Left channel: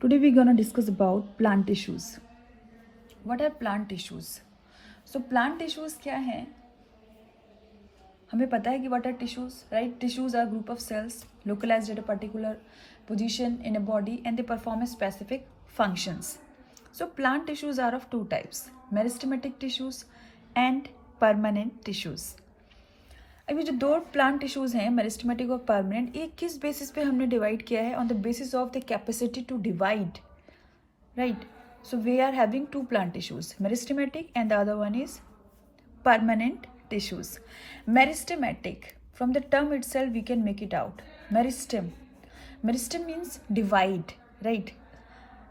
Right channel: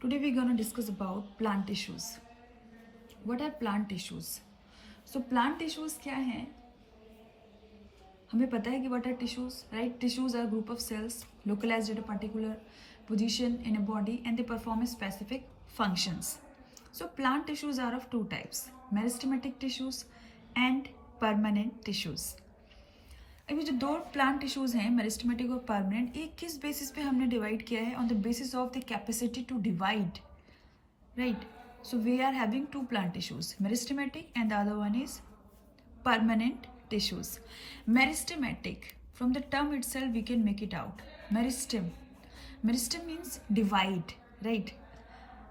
Today we're gonna discuss about plant tissues. What are plant tissues? So plant tissues क्या हैं? हमें पता है कि what are tissues, right? Tissues are group of cells localized at a particular position in a body and they perform a specific functions. So plant tissues are of two types: meristematic tissues and permanent tissues. अब ये जो दो plant tissues हैं meristematic और permanent, ये किस basis पे हमने डिवाइड किया है? On the basis of the capacity to divide, right? So we are having two plant tissues, meristematic and the other one is permanent tissues. Meristematic, from the term itself we can make it out. Meristem means divide, right?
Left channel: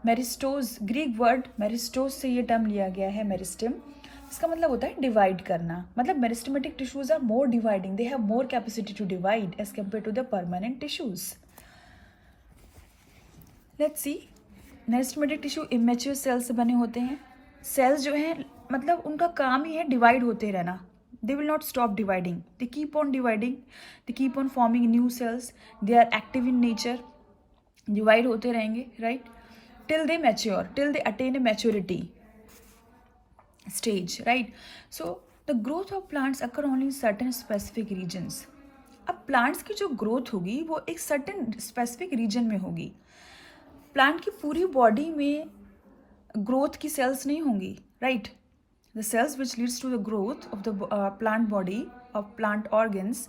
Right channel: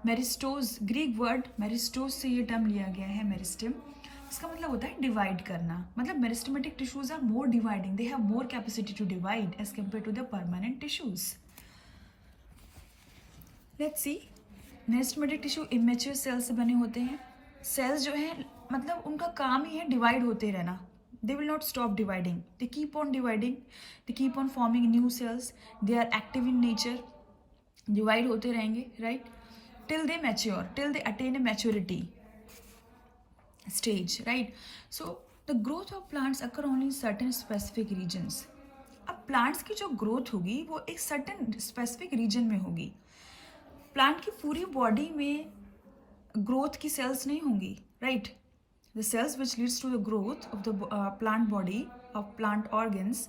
Meristos, Greek word meristos से ये term लिया गया है meristem. इसका मतलब होता है divide करना. मतलब meristematic tissues are more dividing, they have more capacity to divide as compare to the permanent tissues. Let's see. Meristematic tissue immature cells से बने होते हैं. सेल्स जो हैं मतलब उनका काम ही है डिवाइड होते रहना. They will not stop dividing, they keep on dividing, they keep on forming new cells, they are active in nature, divide होते रहेंगे, right? Till they mature, till they attain a maturity stage, right? So the growth of plants occur only in certain specific regions. अब plants की जो growth होगी वो एक certain specific reason में होगी. प्लांट की पूरी बॉडी में ग्रोथ की सेल्स नहीं होंगी, right? The cells which leads to the growth of the plant body, of plant organs,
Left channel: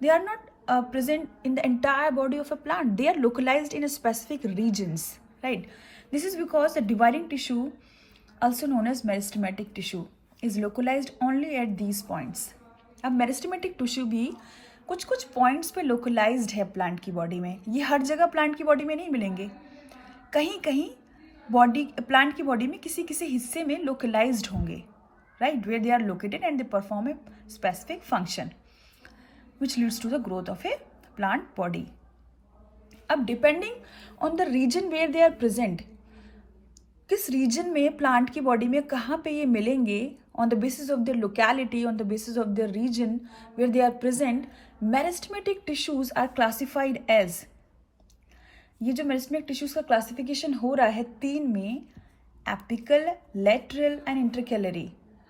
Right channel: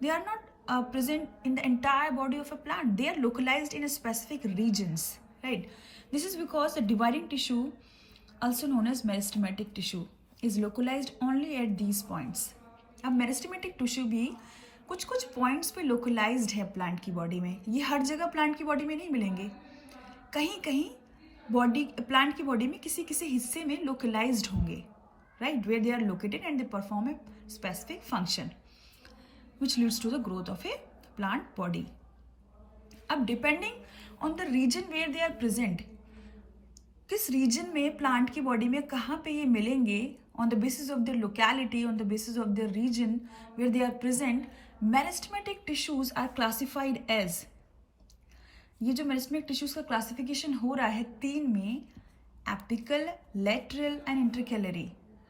they are not present in the entire body of a plant. They are localized in a specific regions, right? This is because the dividing tissue, also known as meristematic tissue, is localized only at these points. अब meristematic tissue भी कुछ कुछ points पे localised है plant की body में. ये हर जगह प्लांट की बॉडी में नहीं मिलेंगे, कहीं कहीं बॉडी प्लांट की बॉडी में किसी किसी हिस्से में लोकलाइज्ड होंगे, right? Where they are located and they perform a specific function which leads to the growth of a plant body. अब depending on the region where they are present, किस region में plant की body में कहाँ पे ये मिलेंगे, on the basis of their locality, on the basis of their region where they are present, meristematic tissues are classified as. ये जो मेरिस्टेमेटिक टिश्यूज का क्लासिफिकेशन हो रहा है तीन में, apical, lateral and intercalary,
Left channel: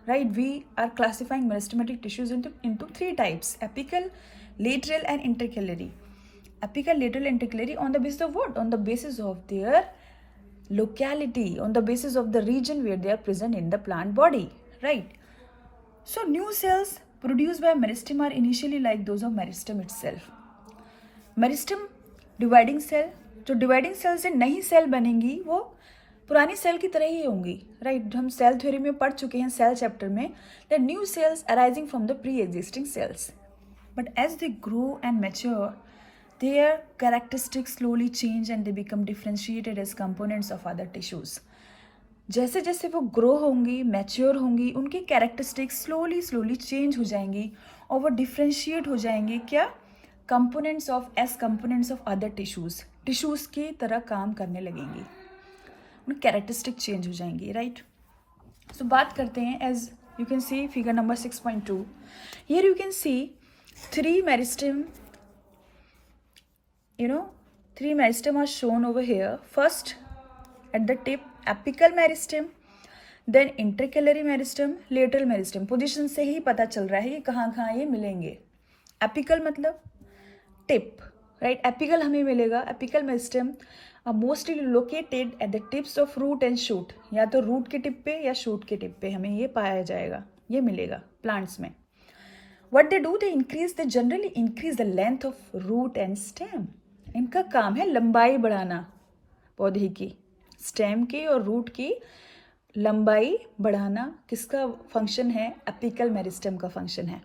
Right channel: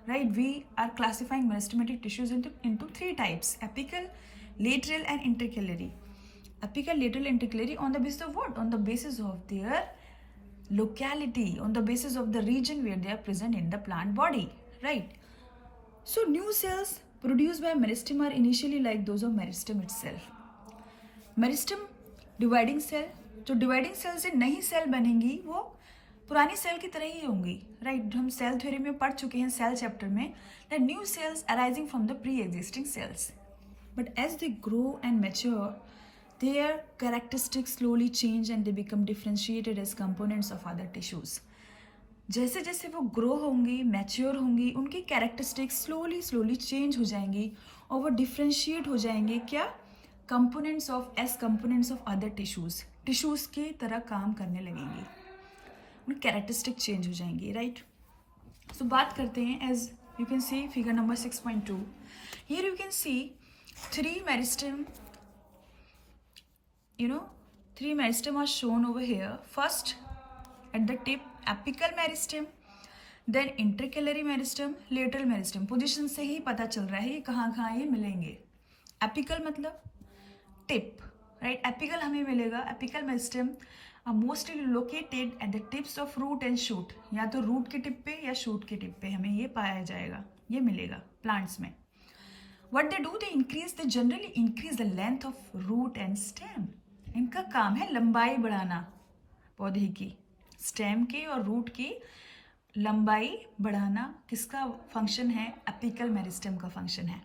right? We are classifying meristematic tissues into three types: apical, lateral and intercalary. Apical, lateral, intercalary on the basis of what? On the basis of their locality, on the basis of the region where they are present in the plant body, right? So new cells produced by meristem are initially like those of meristem itself. meristem dividing cell, जो dividing cell से नई cell बनेंगी वो पुरानी cell की तरह ही होंगी, right? जो हम सेल थ्योरी में पढ़ चुके हैं सेल चैप्टर में, the new cells arising from the pre existing cells. But as they grow and mature, their characteristics slowly change and they become differentiated as components of other tissues. जैसे जैसे वो grow होंगी, mature होंगी, उनकी characteristics slowly change हो जाएंगी और वो डिफ्रेंशिएट हो जाएंगे क्या? Components of as components of other tissues की तरह काम करने लगेंगी, उनकी कैरेक्टरिस्टिक चेंज हो जाएंगी, राइट? सो बात करते हैं, as you can see figure number 6.2. Here you can see three meristem, three meristem are shown over here. First, at the tip, apical meristem, then intercalary meristem, lateral meristem. Position से ही पता चल रहा है कि कहाँ कहाँ ये मिलेंगे. एपिकल मतलब टिप, राइट? एपिकल हमें मिलेगा, apical meristem mostly located at the tips of root and shoot. या तो रूट के टिप पे या शूट के टिप पे हमें ये पाया जाएगा, ये मिलेगा प्लांट्स में. What they do, they generally increase the length of root and stem. इनका काम है लंबाई बढ़ाना पौधे की, स्टेम की और रूट की लंबाई बढ़ाना. किसका फंक्शन है? एपिकल मेरिस्टेम का फंक्शन है.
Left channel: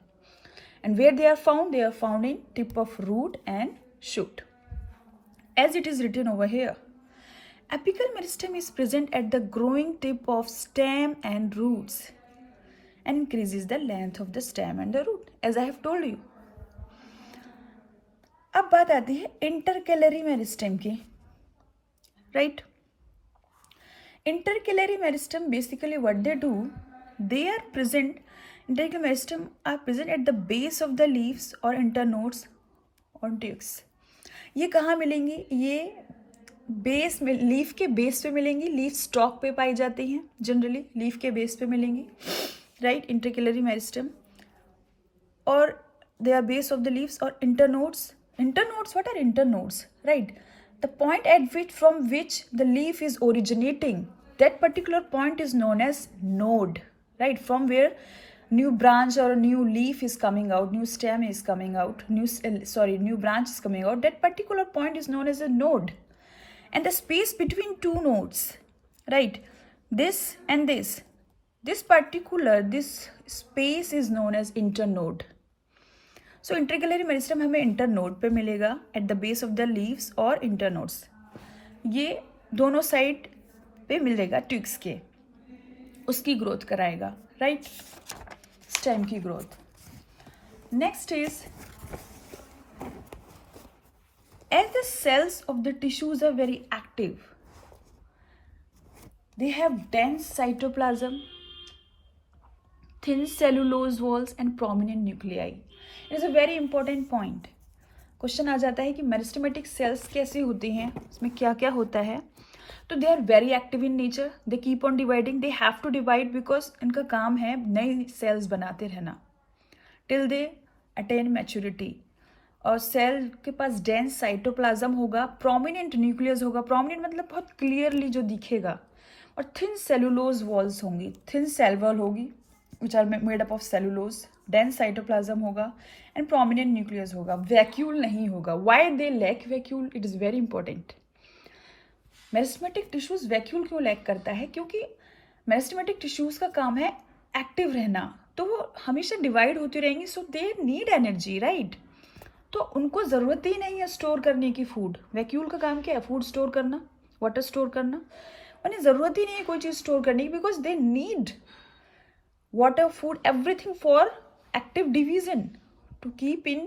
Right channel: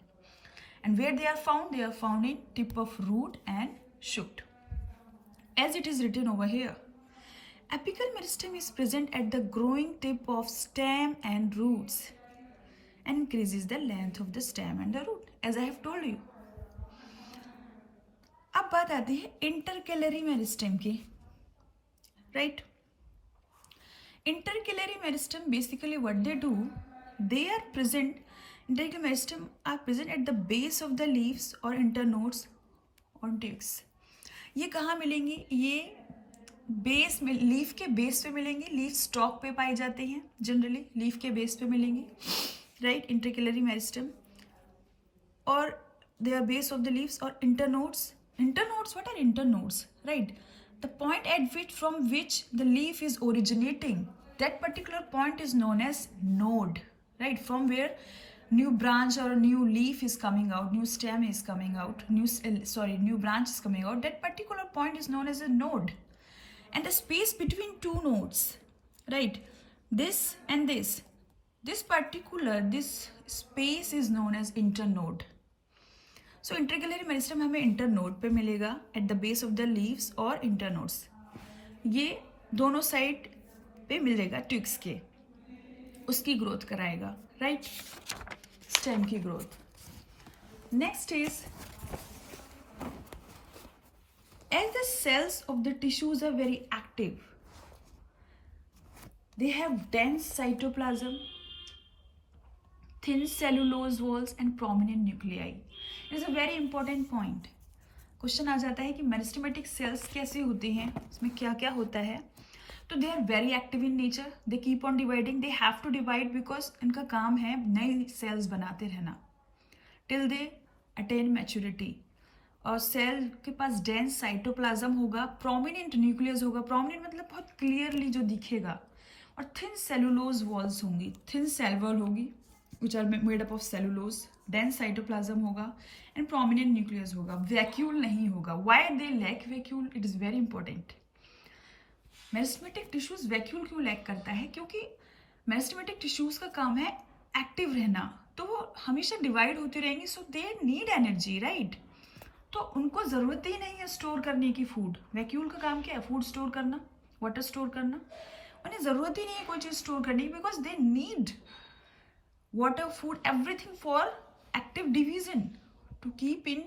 And where they are found in tip of root and shoot. As it is written over here, apical meristem is present at the growing tip of stem and roots and increases the length of the stem and the root, as I have told you. अब बात आती है intercalary meristem की, right? Intercalary meristem basically what they do, they are present, intercalary meristem are present at the base of the leaves और internodes और tubes. ये कहाँ मिलेंगी? ये बेस में, लीफ के बेस पे मिलेंगी, लीफ स्टॉक पे पाई जाती हैं जनरली, लीफ के बेस पे मिलेंगी, राइट, इंटरकेलरी मेरिस्टम, और they are base of the leaves. Or internodes, what are internodes, right? The point at which, from which the leaf is originating, that particular point is known as node, right? From where new branch or a new leaf is coming out, new stem is coming out, new branch is coming out, that particular point is known as a node. And the space between two nodes, right, this and this particular, this space is known as internode. So intercalary meristem हमें internode पे मिलेगा at the base of the leaves और internodes, ये दोनों side पे मिलेगा twigs के, उसकी ग्रोथ कराएगा, राइट, स्टेम की growth. Next is as the cells of the tissues are very active, they have dense cytoplasm, thin cellulose walls and prominent nuclei. It is a very important point. Question आ जाता है कि meristematic cells कैसे होती हैं, इसमें क्या क्या होता है. तो they are very active in nature, they keep on dividing, they have to divide because इनका काम है नई सेल्स बनाते रहना टिल दे अटेन मैच्योरिटी. और सेल के पास डेंस साइटोप्लाज्म होगा, प्रोमिनेंट न्यूक्लियस होगा, प्रोमिनेंट मतलब बहुत क्लियरली जो दिखेगा, और थिन सेलुलोज वॉल्स होंगी, थिन सेल वॉल होगी which are made up of cellulose, dense cytoplasm होगा and prominent nucleus होगा, vacuole नहीं होगा. Why they lack vacuole? It is very important. Meristematic tissues vacuole क्यों lack करता है? क्योंकि meristematic tissues का काम है एक्टिव रहना, तो वो हमेशा डिवाइड होती रहेंगी, सो दे नीड एनर्जी, राइट. तो उनको ज़रूरत ही नहीं है स्टोर करने की फूड. वैक्यूल का काम क्या है? फूड स्टोर करना, वाटर स्टोर करना. उन्हें ज़रूरत ही नहीं है कोई चीज़ स्टोर करने की, because they need water, food, everything for active division, to keep in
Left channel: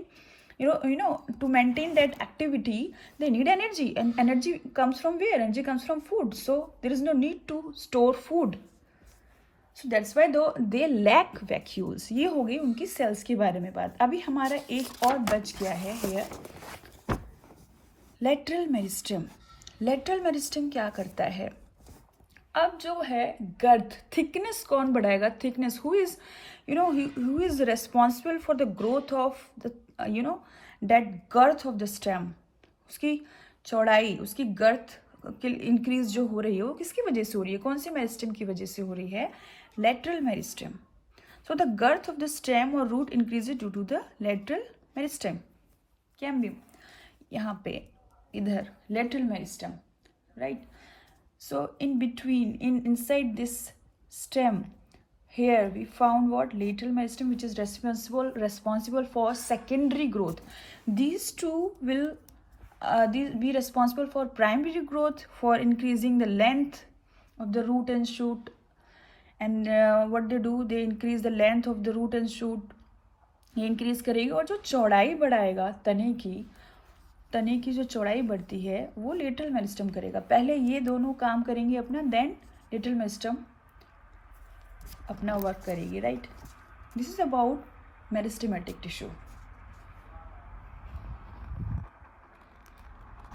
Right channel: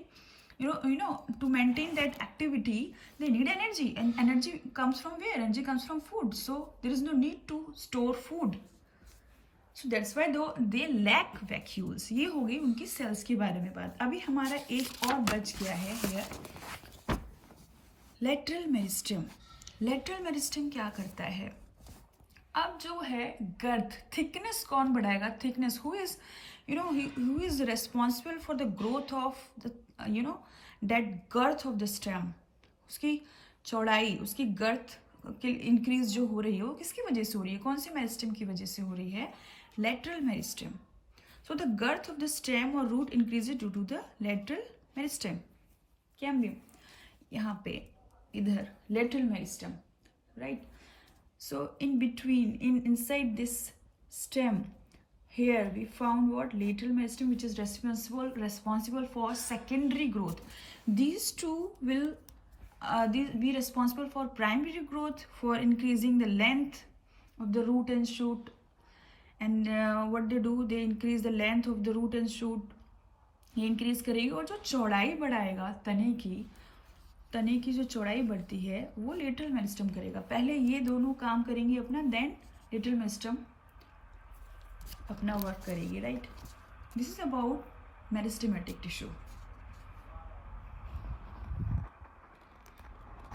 to maintain that activity they need energy, and energy comes from where? Energy comes from food, so there is no need to store food, so that's why they lack vacuoles. ये हो गई उनकी sales के बारे में बात. अभी हमारा एक और बच गया है here, lateral meristem. Lateral meristem क्या करता है? अब जो है गर्थ, थिकनेस कौन बढ़ाएगा? Thickness, who is responsible for the growth of the that girth of the stem. उसकी चौड़ाई, उसकी गर्थ की इंक्रीज जो हो रही है वो किसकी वजह से हो रही है? कौन से मेरिस्टम की वजह से हो रही है? Lateral meristem. So the girth of the stem और root increases due to the lateral meristem. क्या हम यहाँ पे इधर lateral meristem, right. So in between, inside this stem, here we found what? Lateral meristem, which is responsible for secondary growth. These two will be responsible for primary growth, for increasing the length of the root and shoot. And what they do, they increase the length of the root and shoot. ये increase करेगी, और जो चौड़ाई बढ़ाएगा तने की जो चौड़ाई बढ़ती है वो लेटरल मेरिस्टम करेगा. पहले ये दोनों काम करेंगे अपना, देन लेटरल मेरिस्टम अपना वर्क करेगी, right. This is about meristematic tissue.